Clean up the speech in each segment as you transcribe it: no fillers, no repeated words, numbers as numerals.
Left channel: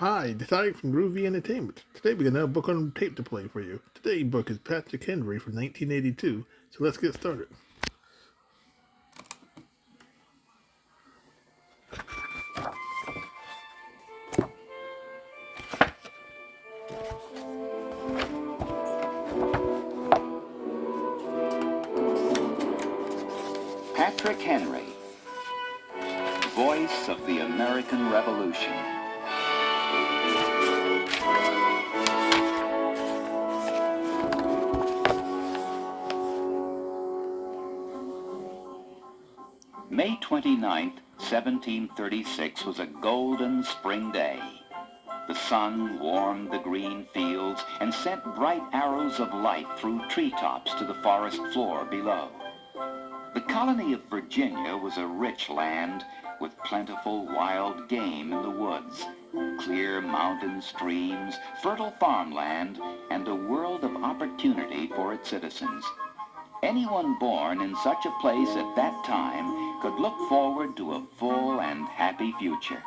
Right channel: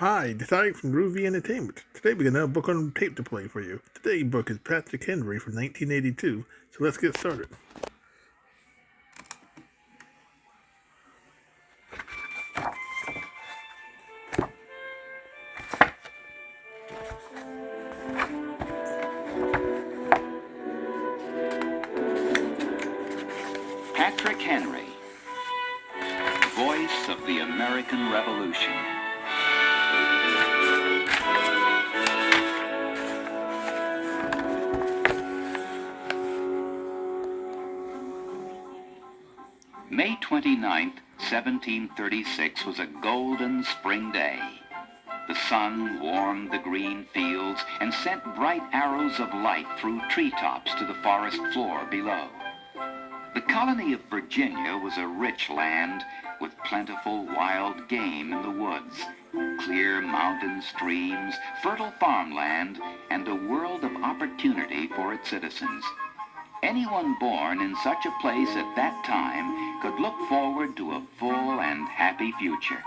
Hi, Desai from Groovy Entertainment. Today we got another book on tape to play for you. Today's book is Patrick Henry from 1982, so let's get started. Patrick Henry, voice of the American Revolution. May 29th, 1736 was a golden spring day. The sun warmed the green fields and sent bright arrows of light through treetops to the forest floor below. The colony of Virginia was a rich land with plentiful wild game in the woods, clear mountain streams, fertile farmland, and a world of opportunity for its citizens. Anyone born in such a place at that time could look forward to a full and happy future.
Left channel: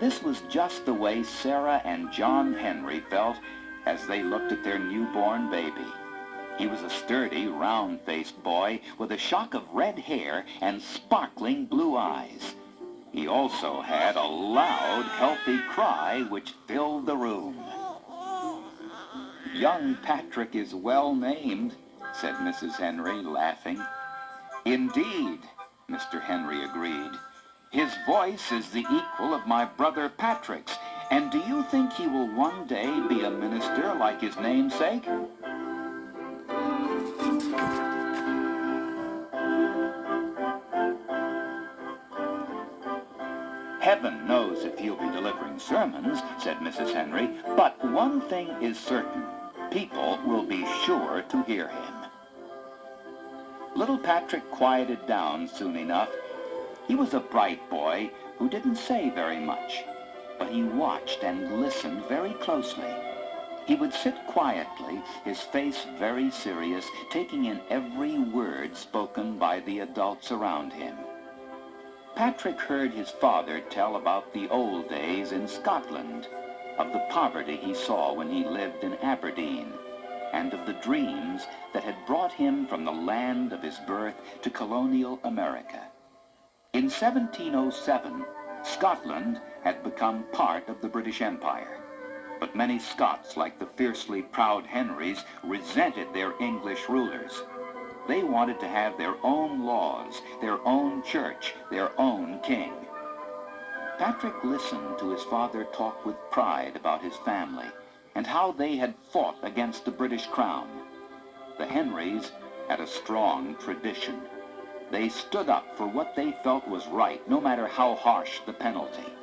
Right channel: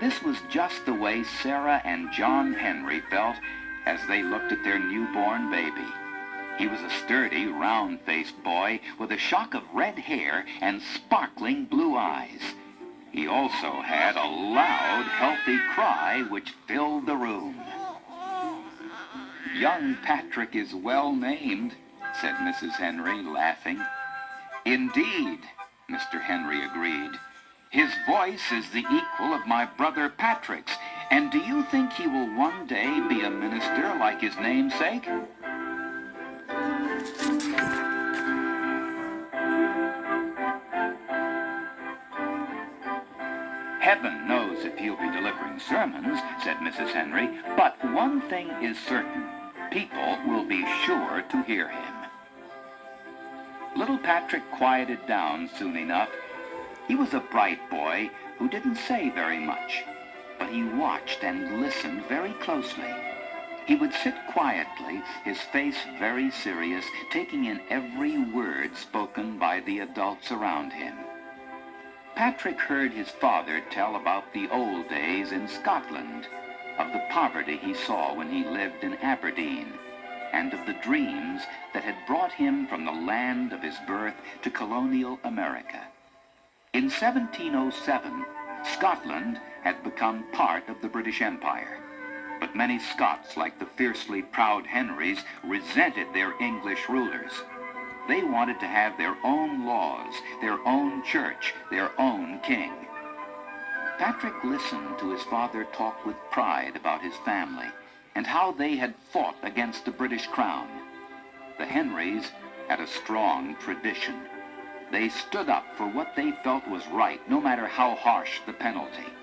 This was just the way Sarah and John Henry felt as they looked at their newborn baby. He was a sturdy, round-faced boy with a shock of red hair and sparkling blue eyes. He also had a loud, healthy cry which filled the room. "Young Patrick is well named," said Mrs. Henry, laughing. "Indeed," Mr. Henry agreed. "His voice is the equal of my brother Patrick's, and do you think he will one day be a minister like his namesake?" "Heaven knows if he'll be delivering sermons," said Mrs. Henry, "but one thing is certain. People will be sure to hear him." Little Patrick quieted down soon enough. He was a bright boy who didn't say very much, but he watched and listened very closely. He would sit quietly, his face very serious, taking in every word spoken by the adults around him. Patrick heard his father tell about the old days in Scotland, of the poverty he saw when he lived in Aberdeen, and of the dreams that had brought him from the land of his birth to colonial America. In 1707, Scotland had become part of the British Empire, but many Scots, like the fiercely proud Henrys, resented their English rulers. They wanted to have their own laws, their own church, their own king. Patrick listened to his father talk with pride about his family and how they had fought against the British crown. The Henrys had a strong tradition. They stood up for what they felt was right, no matter how harsh the penalty.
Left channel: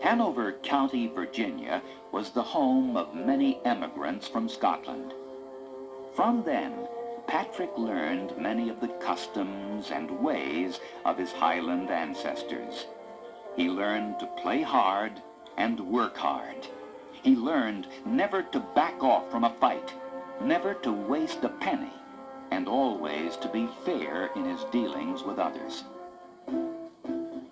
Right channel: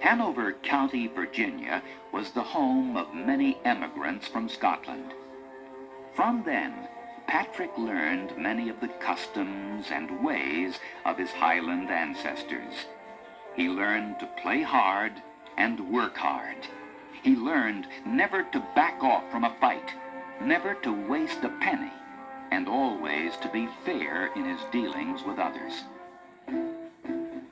Hanover County, Virginia, was the home of many emigrants from Scotland. From then, Patrick learned many of the customs and ways of his Highland ancestors. He learned to play hard and work hard. He learned never to back off from a fight, never to waste a penny, and always to be fair in his dealings with others.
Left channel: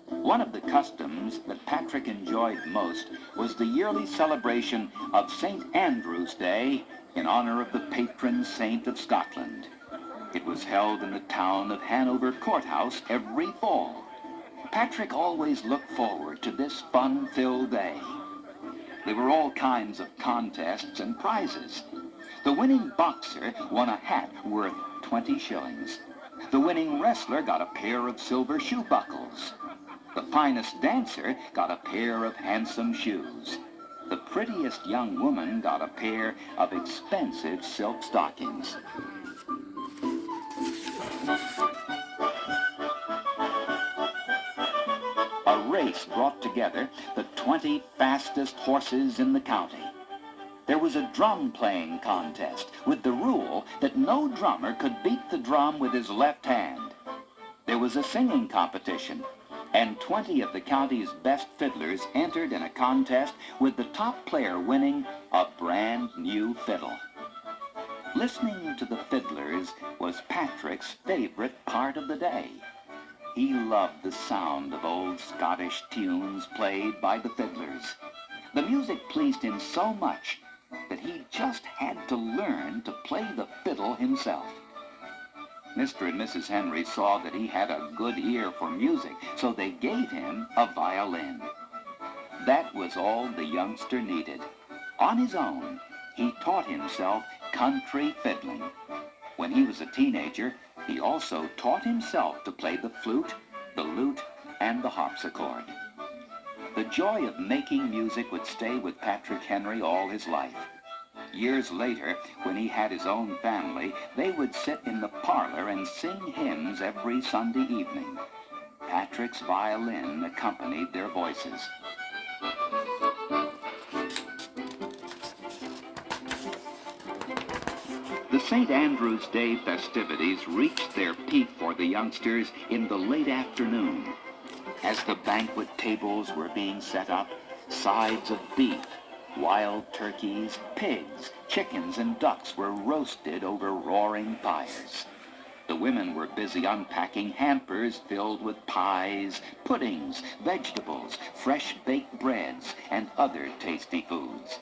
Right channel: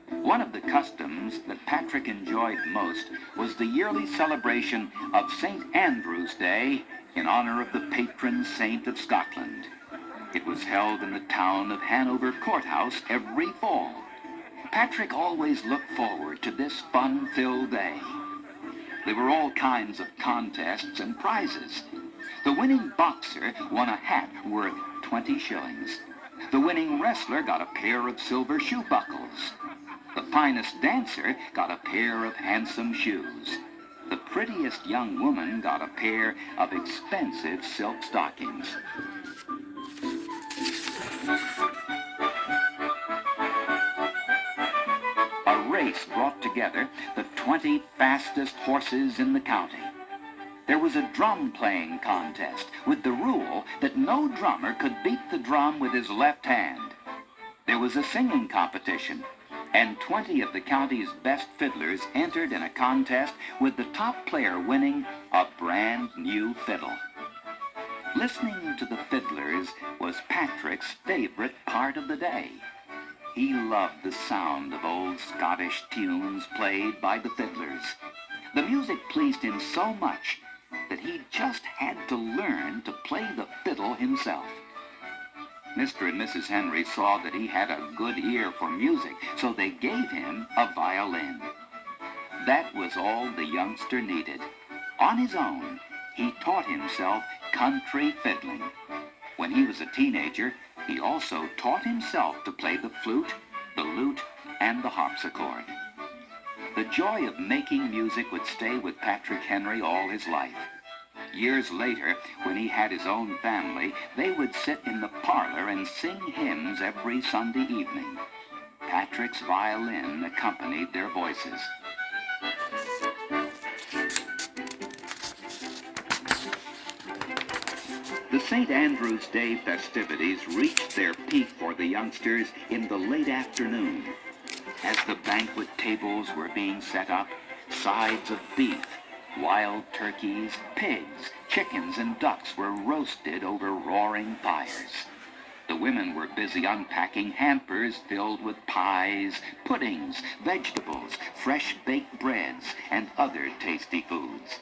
One of the customs that Patrick enjoyed most was the yearly celebration of St. Andrew's Day in honor of the patron saint of Scotland. It was held in the town of Hanover Courthouse every fall. Patrick always looked forward to this fun-filled day. There were all kinds of contests and prizes. The winning boxer won a hat worth 20 shillings. The winning wrestler got a pair of silver shoe buckles. The finest dancer got a pair of handsome shoes. The prettiest young woman got a pair of expensive silk stockings. A race brought together the 20 fastest horses in the county. There was a drum-playing contest with the rule that no drummer could beat the drum with his left hand. There was a singing competition. and 20 of the county's best fiddlers entered in a contest with the top player winning a brand new fiddle. Listening to the fiddlers was Patrick's favorite part of the day. He loved the sound of old Scottish tunes played by the fiddlers. The music pleased him so much that he just had to learn to play the fiddle himself. Mr. and Mrs. Henry saw that he had a good ear for music, so they gave him a violin. That was all the youngster needed. On his own, he taught himself country fiddling. When he was a teenager, he also taught himself to play the flute, the lute, and the harpsichord. The joy of making music would stay with Patrick Henry all his life. Years later, when he had his own family, they would sit in the parlor and sing hymns every Sunday evening. Patrick's violin accompanied their voices. The St. Andrew's Day festivities reached their peak for the youngsters in the late afternoon. As the banquet tables were being set up, sides of beef, wild turkeys, pigs, chickens, and ducks were roasted over roaring fires. The women were busy unpacking hampers filled with pies, puddings, vegetables, fresh baked breads, and other tasty foods.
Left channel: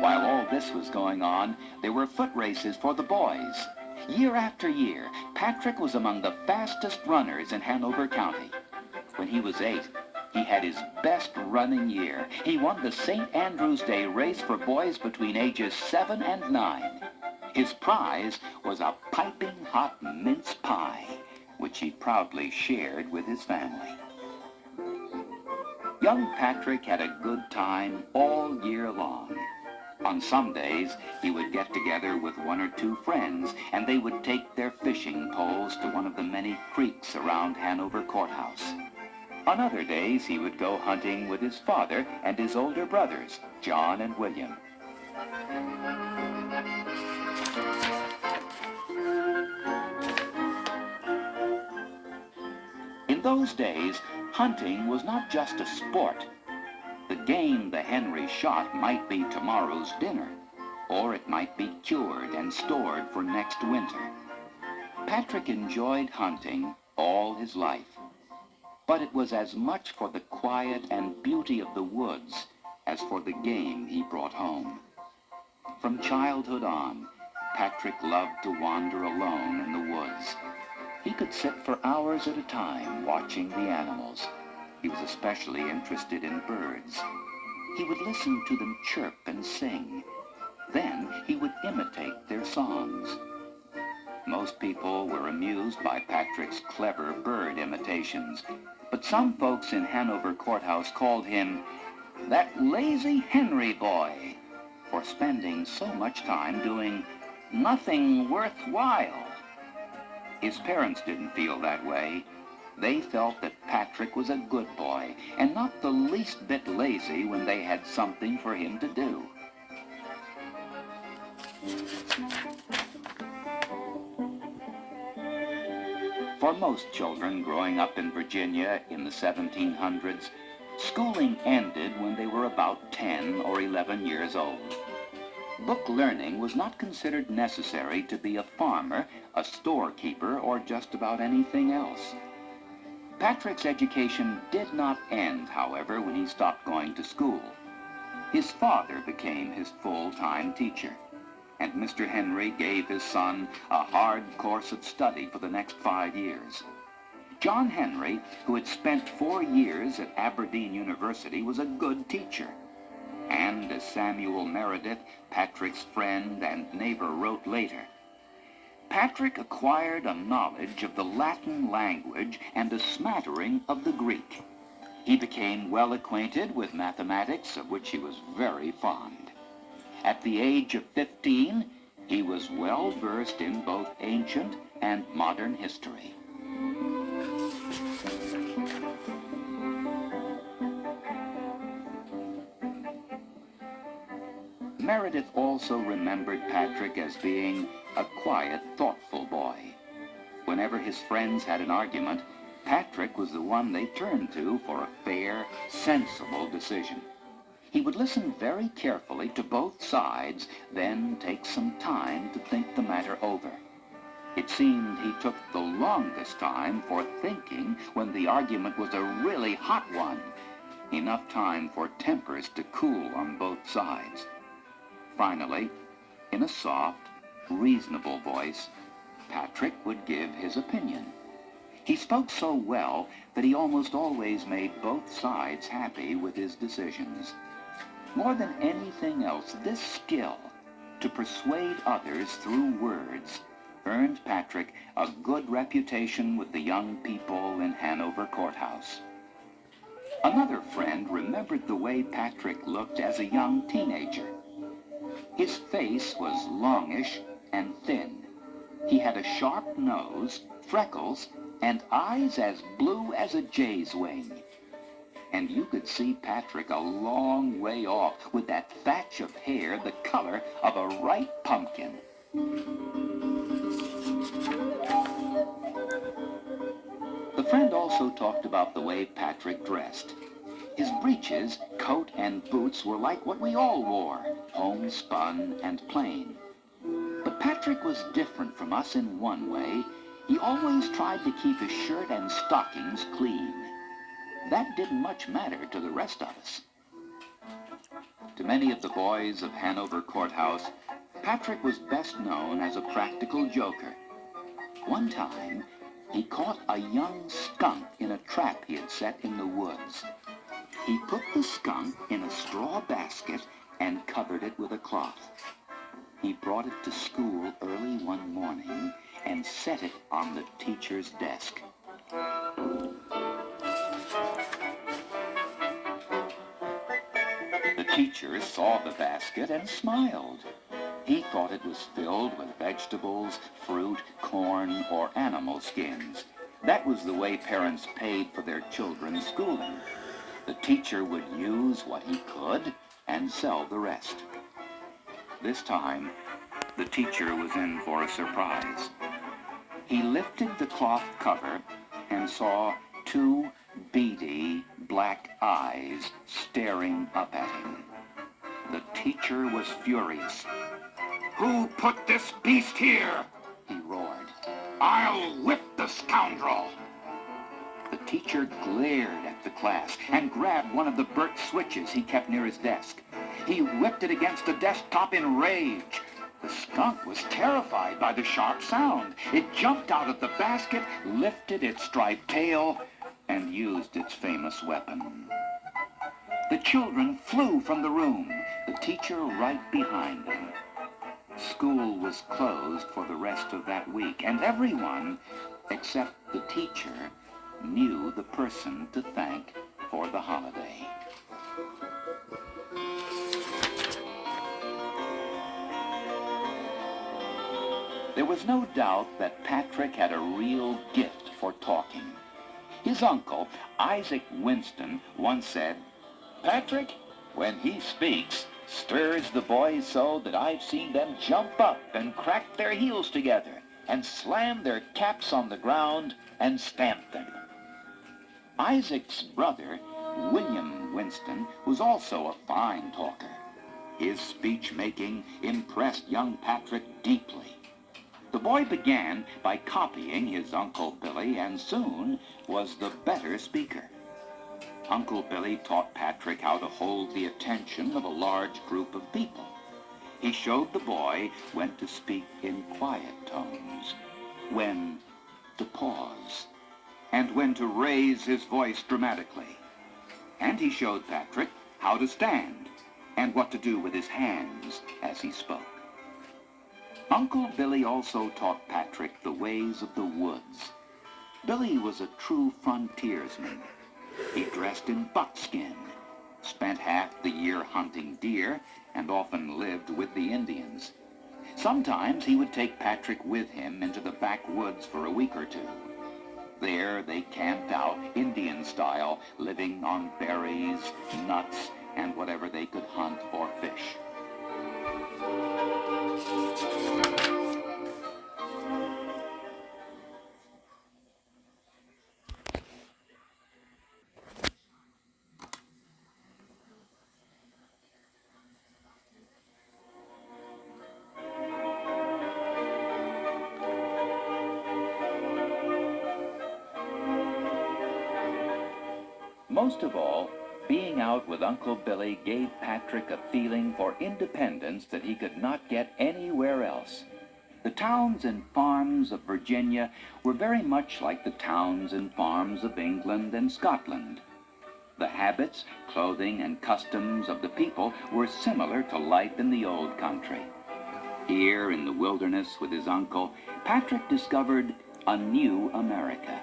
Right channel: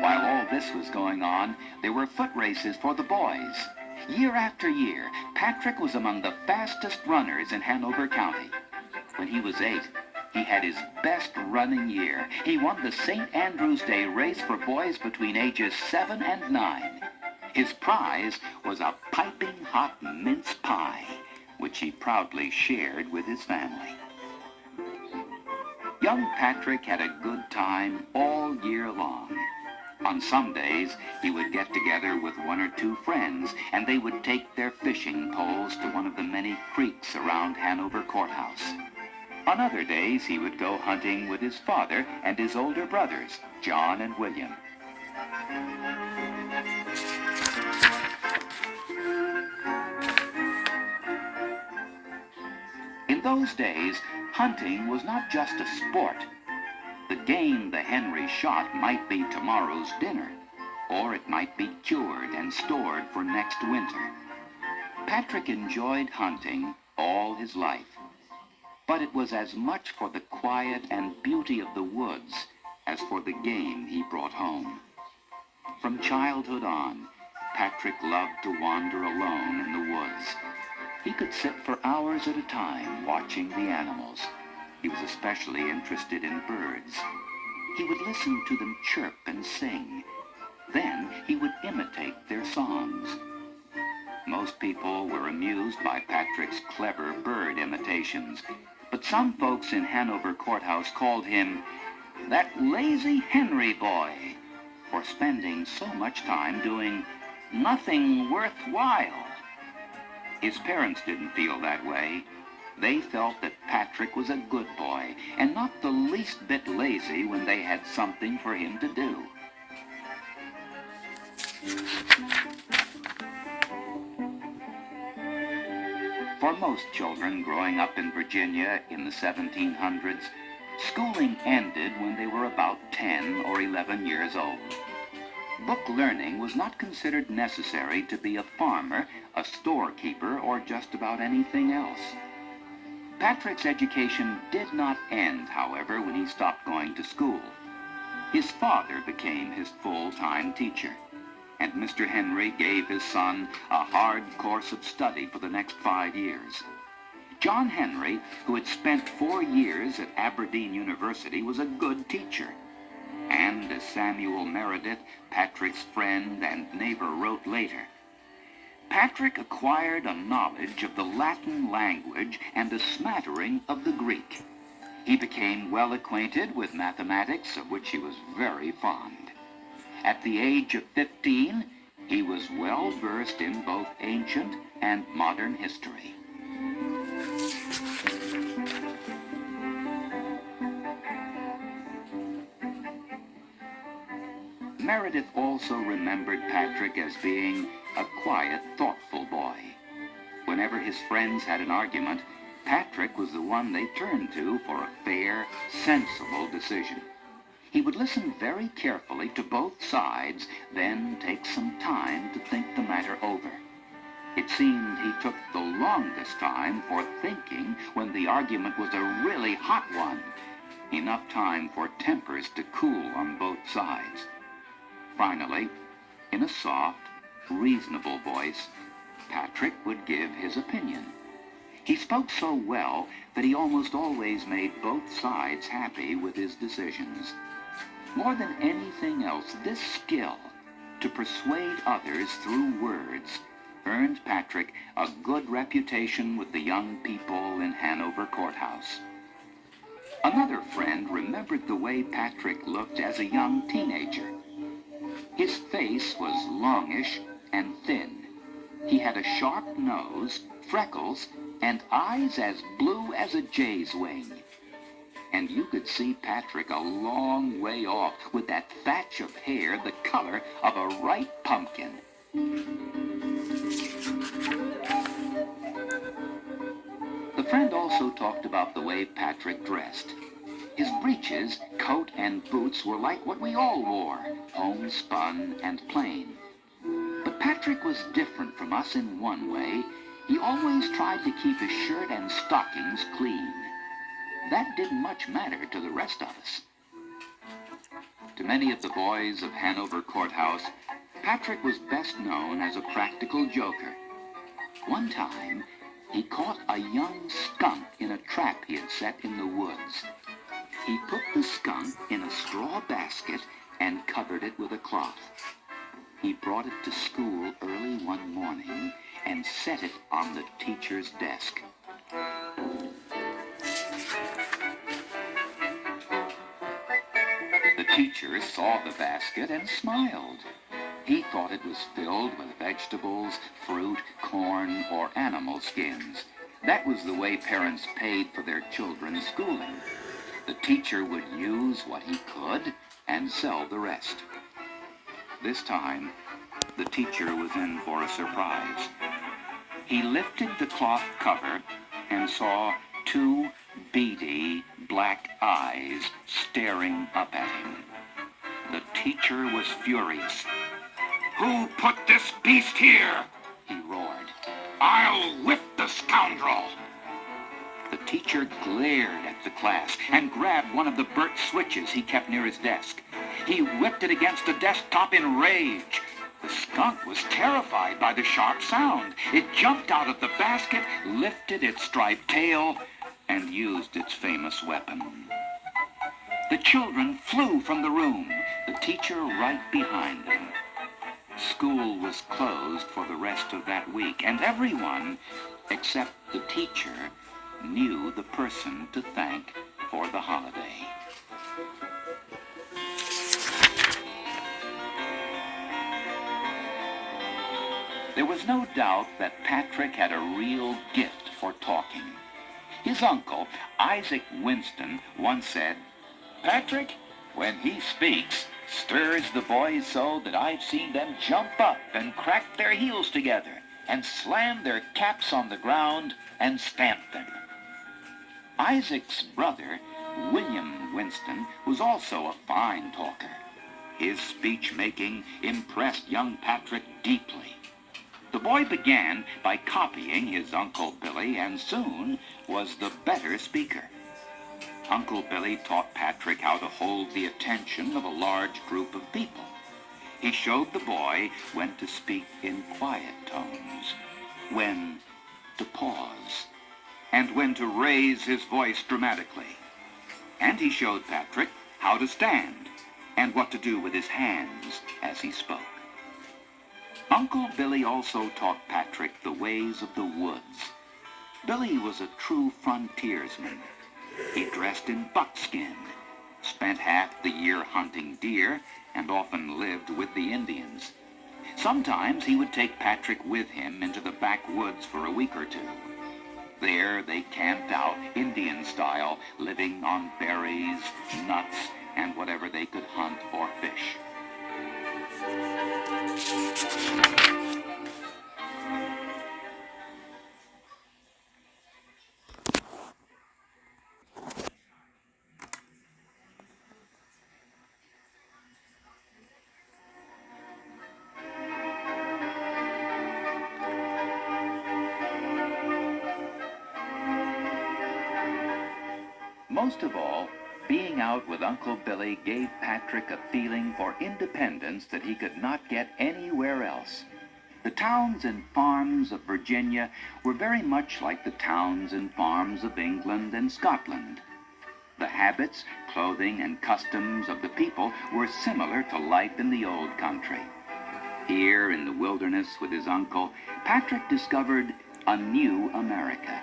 While all this was going on, there were foot races for the boys. Year after year, Patrick was among the fastest runners in Hanover County. When he was 8, he had his best running year. He won the St. Andrew's Day race for boys between ages 7 and 9. His prize was a piping hot mince pie, which he proudly shared with his family. Young Patrick had a good time all year long. On some days, he would get together with 1 or 2 friends, and they would take their fishing poles to one of the many creeks around Hanover Courthouse. On other days, he would go hunting with his father and his older brothers, John and William. In those days, hunting was not just a sport. The game the Henry shot might be tomorrow's dinner, or it might be cured and stored for next winter. Patrick enjoyed hunting all his life, but it was as much for the quiet and beauty of the woods as for the game he brought home. From childhood on, Patrick loved to wander alone in the woods. He could sit for hours at a time watching the animals. He was especially interested in birds. He would listen to them chirp and sing. Then he would imitate their songs. Most people were amused by Patrick's clever bird imitations, but some folks in Hanover Courthouse called him that lazy Henry boy for spending so much time doing nothing worthwhile. His parents didn't feel that way. They felt that Patrick was a good boy and not the least bit lazy when they had something for him to do. For most children growing up in Virginia in the 1700s, schooling ended when they were about 10 or 11 years old. Book learning was not considered necessary to be a farmer, a storekeeper, or just about anything else. Patrick's education did not end, however, when he stopped going to school. His father became his full-time teacher, and Mr. Henry gave his son a hard course of study for the next 5 years. John Henry, who had spent 4 years at Aberdeen University, was a good teacher. And as Samuel Meredith, Patrick's friend and neighbor, wrote later, Patrick acquired a knowledge of the Latin language and a smattering of the Greek. He became well acquainted with mathematics, of which he was very fond. At the age of 15, he was well versed in both ancient and modern history. Meredith also remembered Patrick as being a quiet, thoughtful boy. Whenever his friends had an argument, Patrick was the one they turned to for a fair, sensible decision. He would listen very carefully to both sides, then take some time to think the matter over. It seemed he took the longest time for thinking when the argument was a really hot one, enough time for tempers to cool on both sides. Finally, in a soft, reasonable voice, Patrick would give his opinion. He spoke so well that he almost always made both sides happy with his decisions. More than anything else, this skill to persuade others through words earned Patrick a good reputation with the young people in Hanover Courthouse. Another friend remembered the way Patrick looked as a young teenager. His face was longish and thin. He had a sharp nose, freckles, and eyes as blue as a jay's wing. And you could see Patrick a long way off with that thatch of hair the color of a ripe pumpkin. The friend also talked about the way Patrick dressed. His breeches, coat, and boots were like what we all wore, homespun and plain. But Patrick was different from us in one way. He always tried to keep his shirt and stockings clean. That didn't much matter to the rest of us. To many of the boys of Hanover Courthouse, Patrick was best known as a practical joker. One time, he caught a young skunk in a trap he had set in the woods. He put the skunk in a straw basket and covered it with a cloth. He brought it to school early one morning and set it on the teacher's desk. The teacher saw the basket and smiled. He thought it was filled with vegetables, fruit, corn, or animal skins. That was the way parents paid for their children's schooling. The teacher would use what he could and sell the rest. This time, the teacher was in for a surprise. He lifted the cloth cover and saw two beady black eyes staring up at him. The teacher was furious. "Who put this beast here?" he roared. "I'll whip the scoundrel!" The teacher glared at the class and grabbed one of the burnt switches he kept near his desk. He whipped it against the desktop in rage. The skunk was terrified by the sharp sound. It jumped out of the basket, lifted its striped tail, and used its famous weapon. The children flew from the room, the teacher right behind them. School was closed for the rest of that week, and everyone, except the teacher, knew the person to thank for the holiday. There was no doubt that Patrick had a real gift for talking. His uncle, Isaac Winston, once said, "Patrick, when he speaks, stirs the boys so that I've seen them jump up and crack their heels together and slam their caps on the ground and stamp them." Isaac's brother, William Winston, was also a fine talker. His speech-making impressed young Patrick deeply. The boy began by copying his Uncle Billy and soon was the better speaker. Uncle Billy taught Patrick how to hold the attention of a large group of people. He showed the boy when to speak in quiet tones, when to pause, and when to raise his voice dramatically. And he showed Patrick how to stand and what to do with his hands as he spoke. Uncle Billy also taught Patrick the ways of the woods. Billy was a true frontiersman. He dressed in buckskin, spent half the year hunting deer, and often lived with the Indians. Sometimes he would take Patrick with him into the backwoods for a week or two. There they camped out Indian style, living on berries, nuts, and whatever they could hunt or fish. Most of all, being out with Uncle Billy gave Patrick a feeling for independence that he could not get anywhere else. The towns and farms of Virginia were very much like the towns and farms of England and Scotland. The habits, clothing, and customs of the people were similar to life in the old country. Here in the wilderness with his uncle, Patrick discovered a new America.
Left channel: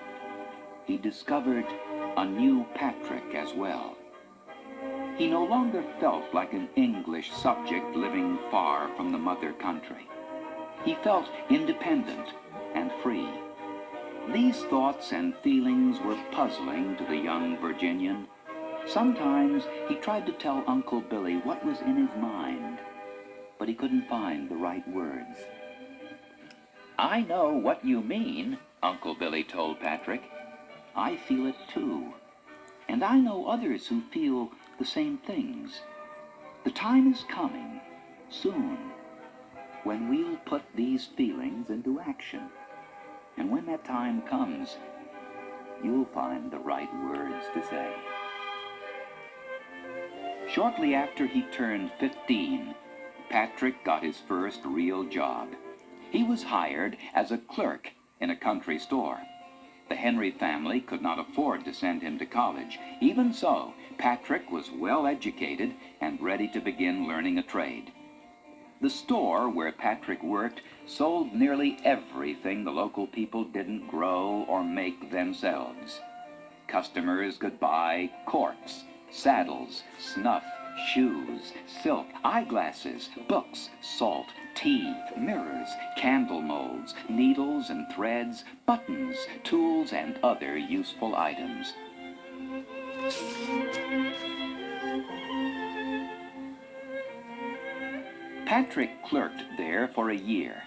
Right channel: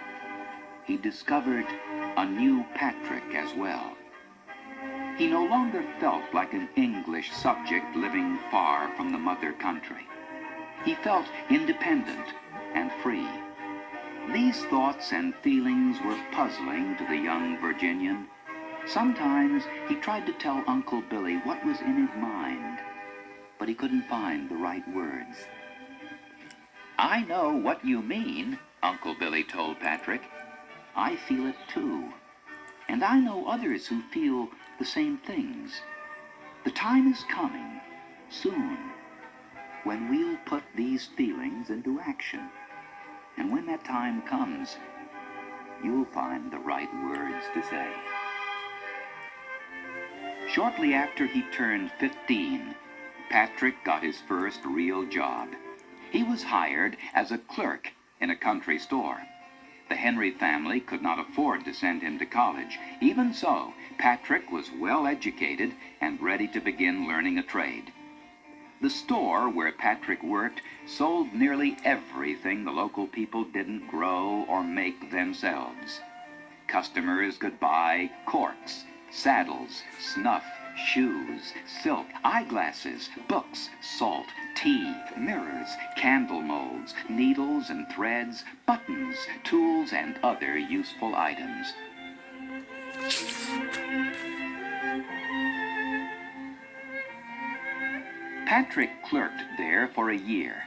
He discovered a new Patrick as well. He no longer felt like an English subject living far from the mother country. He felt independent and free. These thoughts and feelings were puzzling to the young Virginian. Sometimes he tried to tell Uncle Billy what was in his mind, but he couldn't find the right words. "I know what you mean," Uncle Billy told Patrick. "I feel it too. And I know others who feel the same things. The time is coming, soon, when we'll put these feelings into action. And when that time comes, you'll find the right words to say." Shortly after he turned 15, Patrick got his first real job. He was hired as a clerk in a country store. The Henry family could not afford to send him to college. Even so, Patrick was well educated and ready to begin learning a trade. The store where Patrick worked sold nearly everything the local people didn't grow or make themselves. Customers could buy corks, saddles, snuff, shoes, silk, eyeglasses, books, salt, tea, mirrors, candle molds, needles and threads, buttons, tools, and other useful items. Patrick clerked there for a year.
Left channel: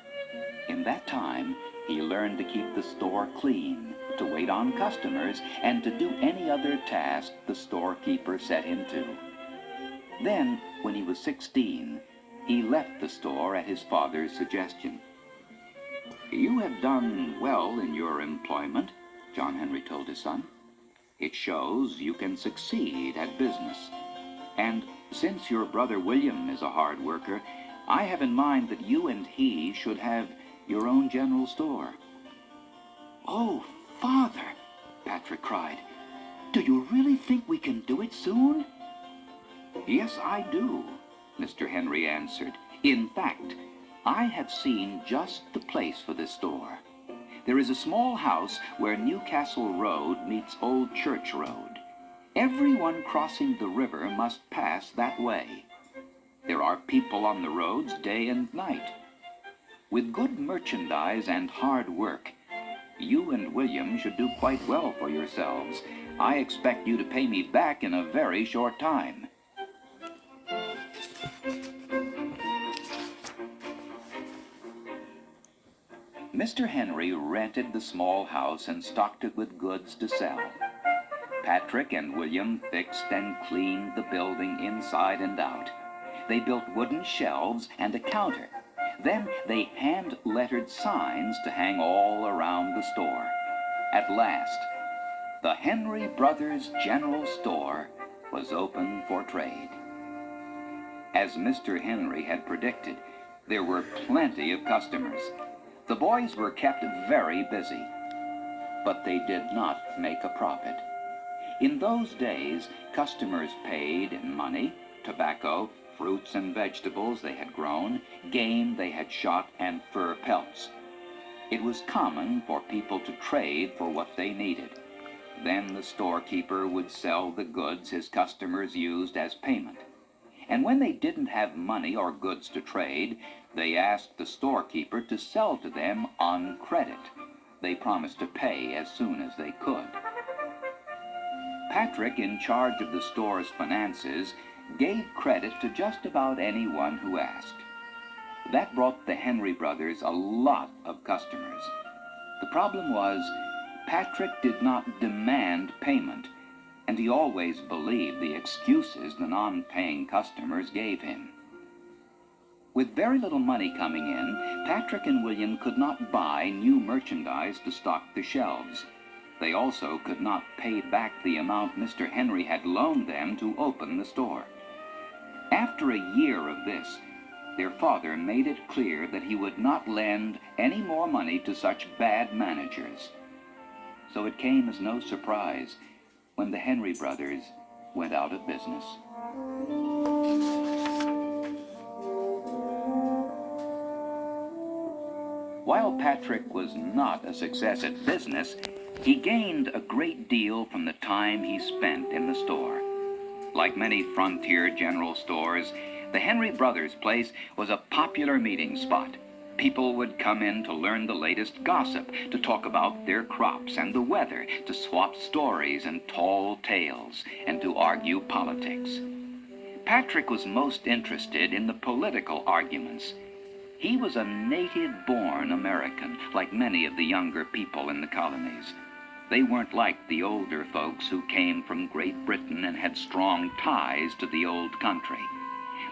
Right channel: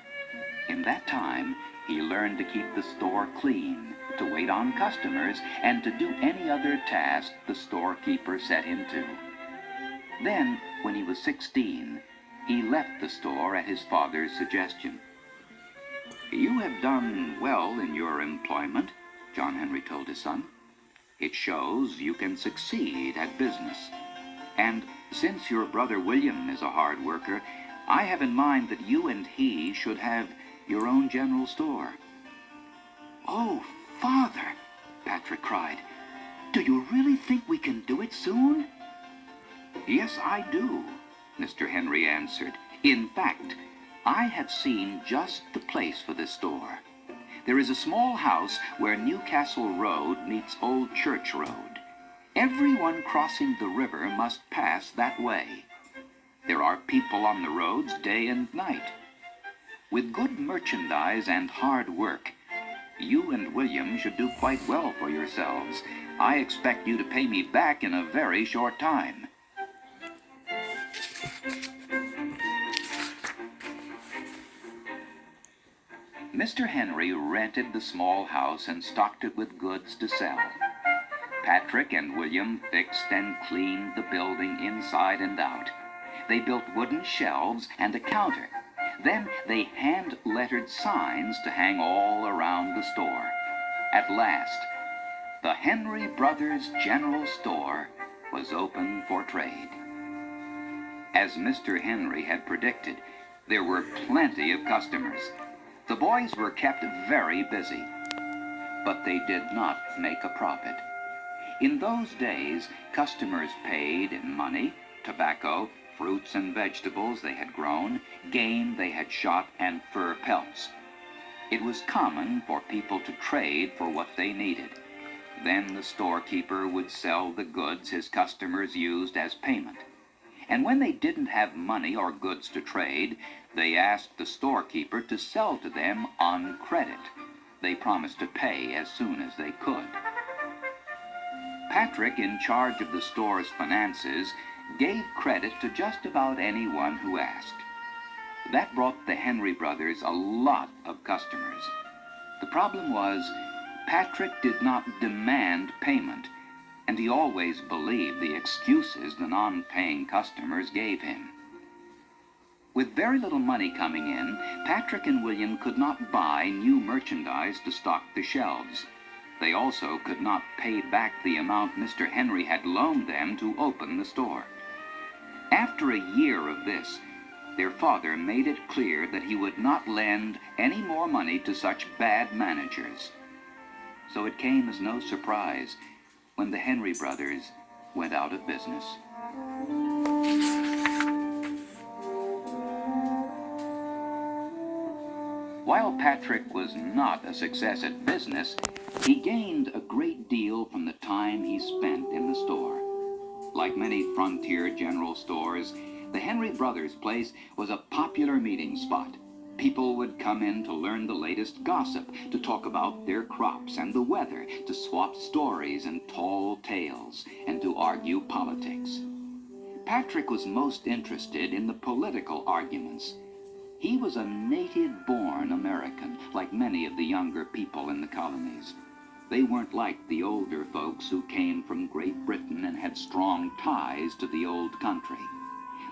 In that time, he learned to keep the store clean, to wait on customers, and to do any other task the storekeeper set him to. Then, when he was 16, he left the store at his father's suggestion. "You have done well in your employment," John Henry told his son. "It shows you can succeed at business. And since your brother William is a hard worker, I have in mind that you and he should have your own general store." "Oh, Father," Patrick cried, "do you really think we can do it soon?" "Yes, I do," Mr. Henry answered. "In fact, I have seen just the place for this store. There is a small house where Newcastle Road meets Old Church Road. Everyone crossing the river must pass that way. There are people on the roads day and night. With good merchandise and hard work, you and William should do quite well for yourselves. I expect you to pay me back in a very short time." Mr. Henry rented the small house and stocked it with goods to sell. Patrick and William fixed and cleaned the building inside and out. They built wooden shelves and a counter. Then they hand-lettered signs to hang all around the store. At last, the Henry Brothers General Store was open for trade. As Mr. Henry had predicted, there were plenty of customers. The boys were kept very busy, but they did not make a profit. In those days, customers paid in money, tobacco, fruits and vegetables they had grown, game they had shot, and fur pelts. It was common for people to trade for what they needed. Then the storekeeper would sell the goods his customers used as payment. And when they didn't have money or goods to trade, they asked the storekeeper to sell to them on credit. They promised to pay as soon as they could. Patrick, in charge of the store's finances, gave credit to just about anyone who asked. That brought the Henry brothers a lot of customers. The problem was, Patrick did not demand payment, and he always believed the excuses the non-paying customers gave him. With very little money coming in, Patrick and William could not buy new merchandise to stock the shelves. They also could not pay back the amount Mr. Henry had loaned them to open the store. After a year of this, their father made it clear that he would not lend any more money to such bad managers. So it came as no surprise when the Henry brothers went out of business. While Patrick was not a success at business, he gained a great deal from the time he spent in the store. Like many frontier general stores, the Henry Brothers place was a popular meeting spot. People would come in to learn the latest gossip, to talk about their crops and the weather, to swap stories and tall tales, and to argue politics. Patrick was most interested in the political arguments. He was a native-born American, like many of the younger people in the colonies. They weren't like the older folks who came from Great Britain and had strong ties to the old country.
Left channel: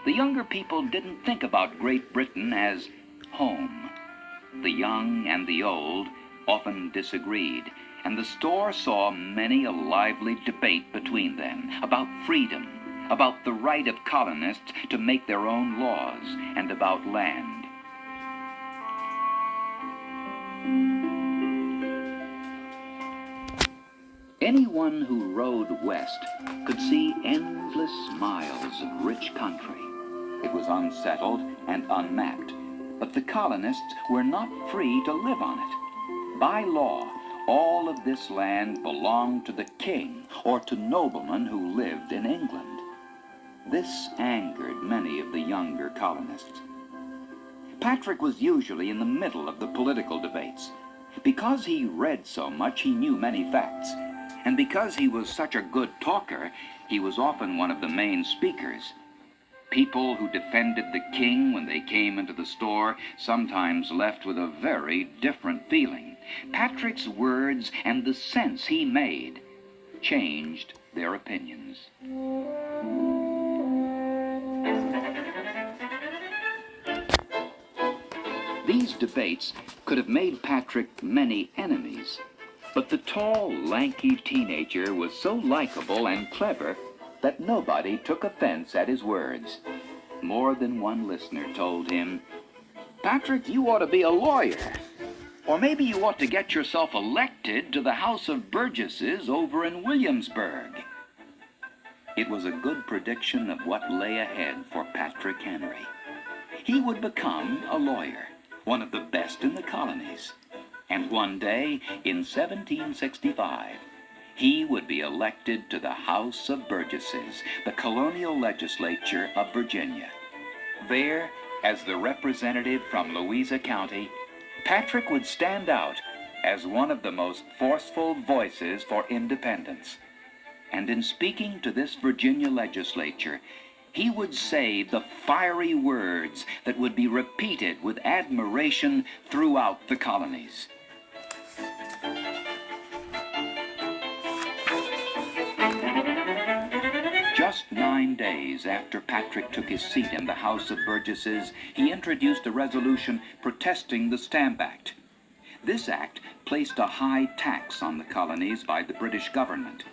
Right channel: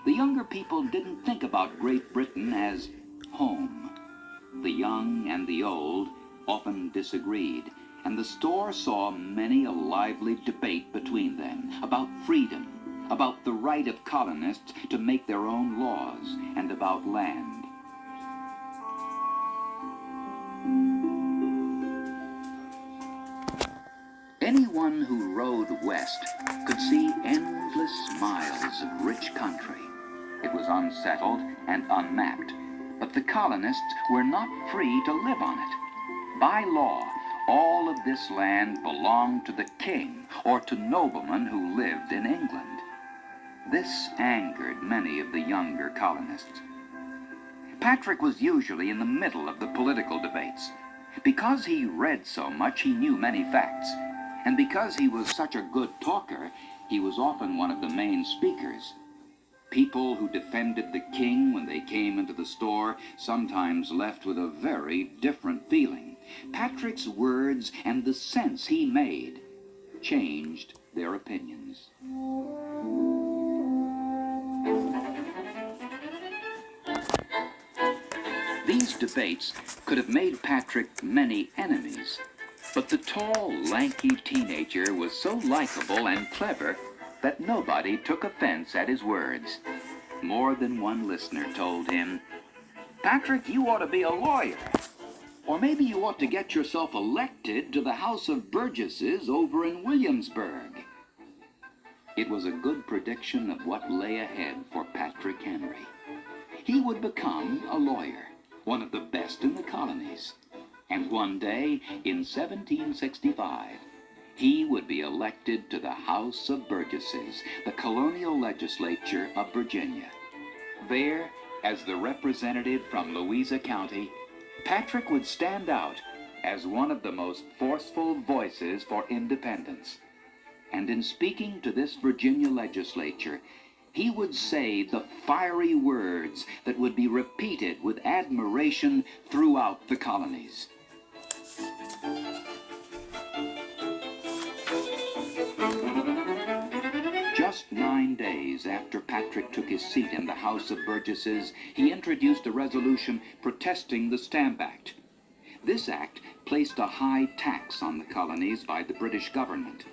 The younger people didn't think about Great Britain as home. The young and the old often disagreed, and the store saw many a lively debate between them about freedom, about the right of colonists to make their own laws, and about land. Anyone who rode west could see endless miles of rich country. It was unsettled and unmapped, but the colonists were not free to live on it. By law, all of this land belonged to the king or to noblemen who lived in England. This angered many of the younger colonists. Patrick was usually in the middle of the political debates. Because he read so much, he knew many facts. And because he was such a good talker, he was often one of the main speakers. People who defended the king when they came into the store sometimes left with a very different feeling. Patrick's words and the sense he made changed their opinions. These debates could have made Patrick many enemies. But the tall, lanky teenager was so likable and clever that nobody took offense at his words. More than one listener told him, "Patrick, you ought to be a lawyer. Or maybe you ought to get yourself elected to the House of Burgesses over in Williamsburg." It was a good prediction of what lay ahead for Patrick Henry. He would become a lawyer, one of the best in the colonies. And one day, in 1765, he would be elected to the House of Burgesses, the colonial legislature of Virginia. There, as the representative from Louisa County, Patrick would stand out as one of the most forceful voices for independence. And in speaking to this Virginia legislature, he would say the fiery words that would be repeated with admiration throughout the colonies. Just 9 days after Patrick took his seat in the House of Burgesses, he introduced a resolution protesting the Stamp Act. This act placed a high tax on the colonies by the British government.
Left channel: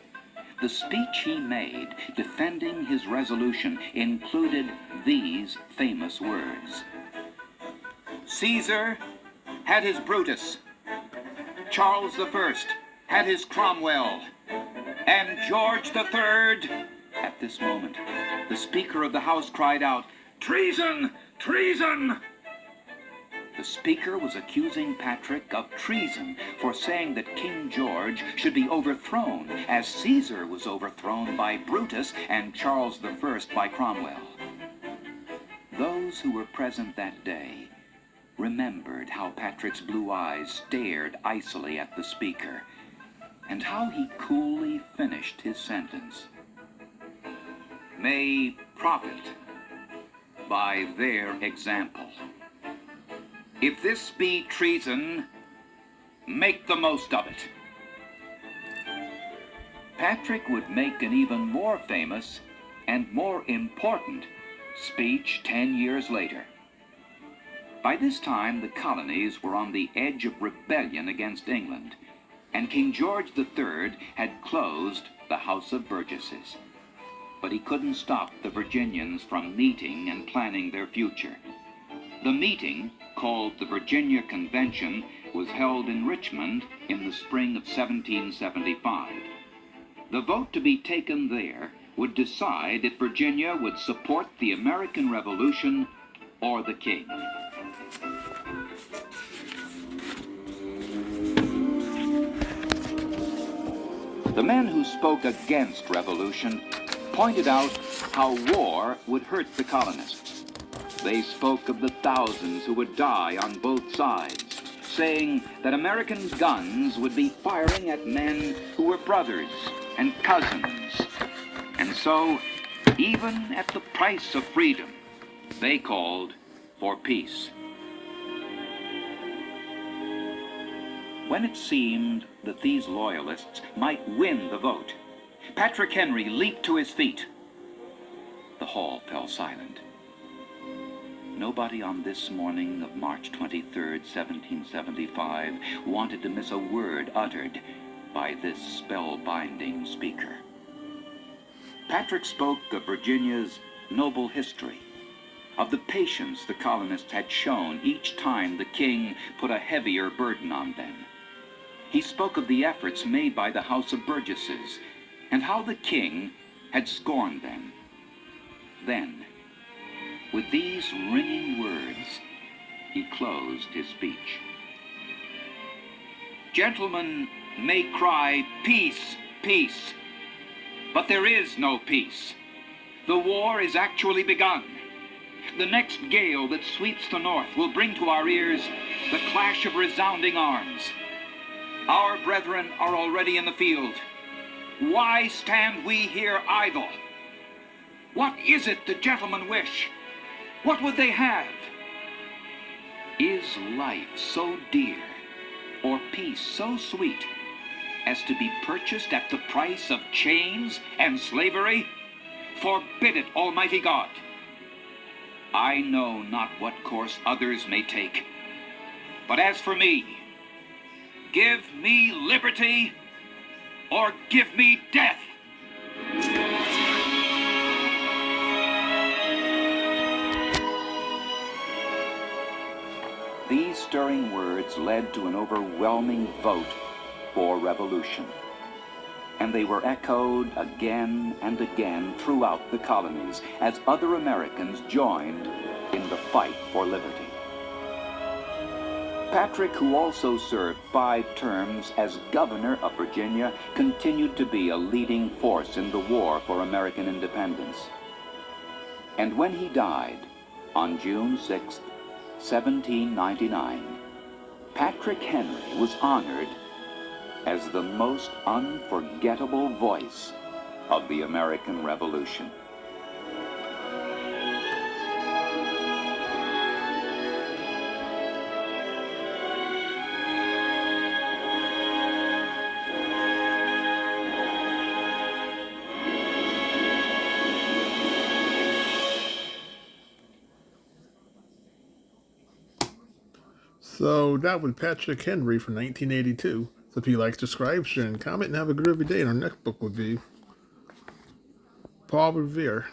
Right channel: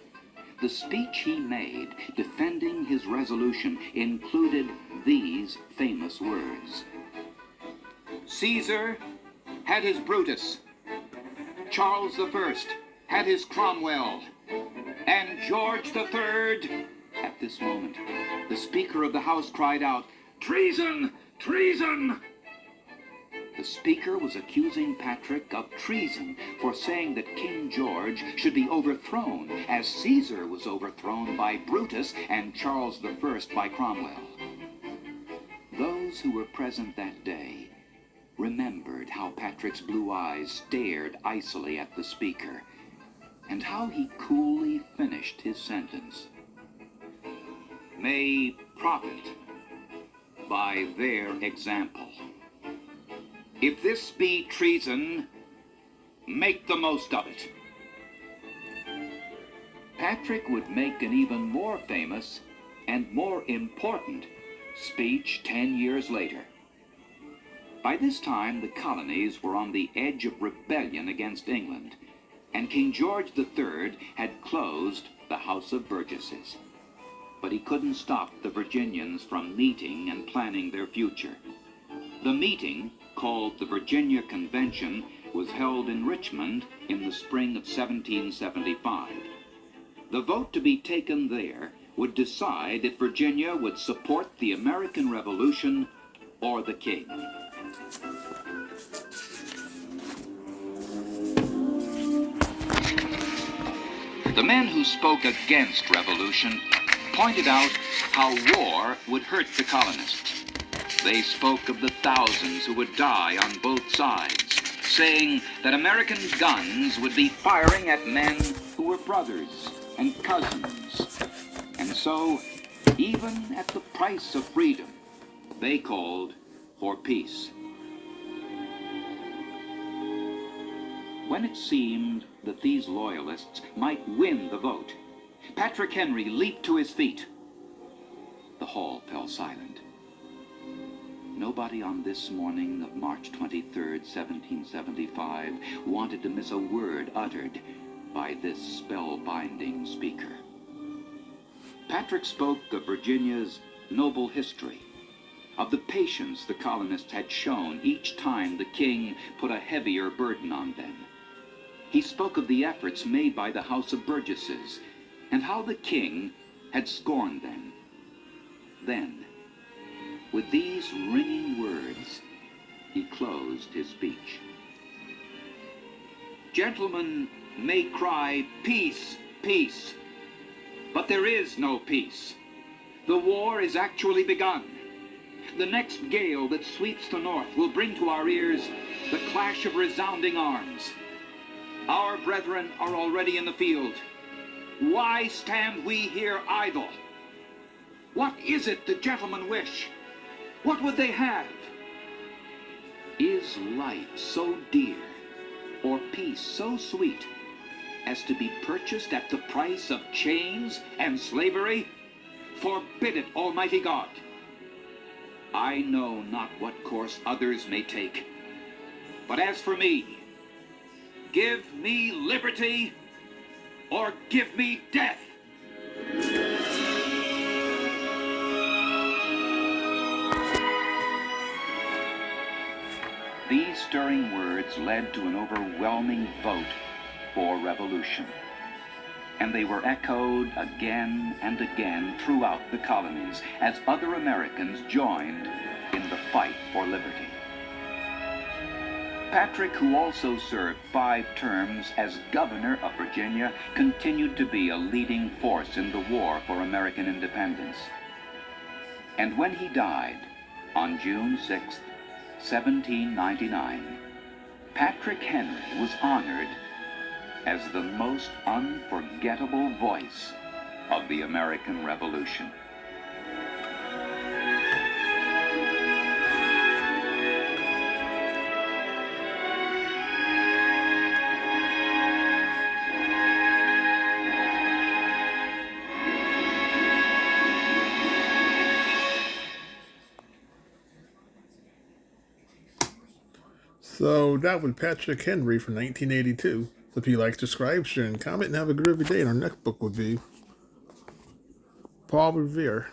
The speech he made defending his resolution included these famous words: "Caesar had his Brutus, Charles I had his Cromwell, and George III." At this moment, the Speaker of the House cried out, "Treason! Treason!" The Speaker was accusing Patrick of treason for saying that King George should be overthrown, as Caesar was overthrown by Brutus and Charles I by Cromwell. Those who were present that day remembered how Patrick's blue eyes stared icily at the Speaker, and how he coolly finished his sentence. "May profit by their example. If this be treason, make the most of it." Patrick would make an even more famous and more important speech 10 years later. By this time, the colonies were on the edge of rebellion against England, and King George III had closed the House of Burgesses. But he couldn't stop the Virginians from meeting and planning their future. The meeting, called the Virginia Convention, was held in Richmond in the spring of 1775. The vote to be taken there would decide if Virginia would support the American Revolution or the king. The men who spoke against revolution pointed out how war would hurt the colonists. They spoke of the thousands who would die on both sides, saying that American guns would be firing at men who were brothers and cousins. And so, even at the price of freedom, they called for peace. When it seemed that these loyalists might win the vote, Patrick Henry leaped to his feet. The hall fell silent. Nobody on this morning of March 23rd, 1775, wanted to miss a word uttered by this spellbinding speaker. Patrick spoke of Virginia's noble history, of the patience the colonists had shown each time the king put a heavier burden on them. He spoke of the efforts made by the House of Burgesses and how the king had scorned them. Then, with these ringing words, he closed his speech. Gentlemen may cry, "Peace, peace," but there is no peace. The war is actually begun. The next gale that sweeps the north will bring to our ears the clash of resounding arms. Our brethren are already in the field. Why stand we here idle? What is it the gentlemen wish? What would they have? Is life so dear, or peace so sweet, as to be purchased at the price of chains and slavery? Forbid it, Almighty God. I know not what course others may take, but as for me, give me liberty or give me death. These stirring words led to an overwhelming vote for revolution, and they were echoed again and again throughout the colonies as other Americans joined in the fight for liberty. Patrick, who also served 5 terms as governor of Virginia, continued to be a leading force in the war for American independence. And when he died on June 6, 1799, Patrick Henry was honored as the most unforgettable voice of the American Revolution. So that was Patrick Henry from 1982. So if you like, subscribe, share, and comment, and have a groovy day. And our next book will be Paul Revere.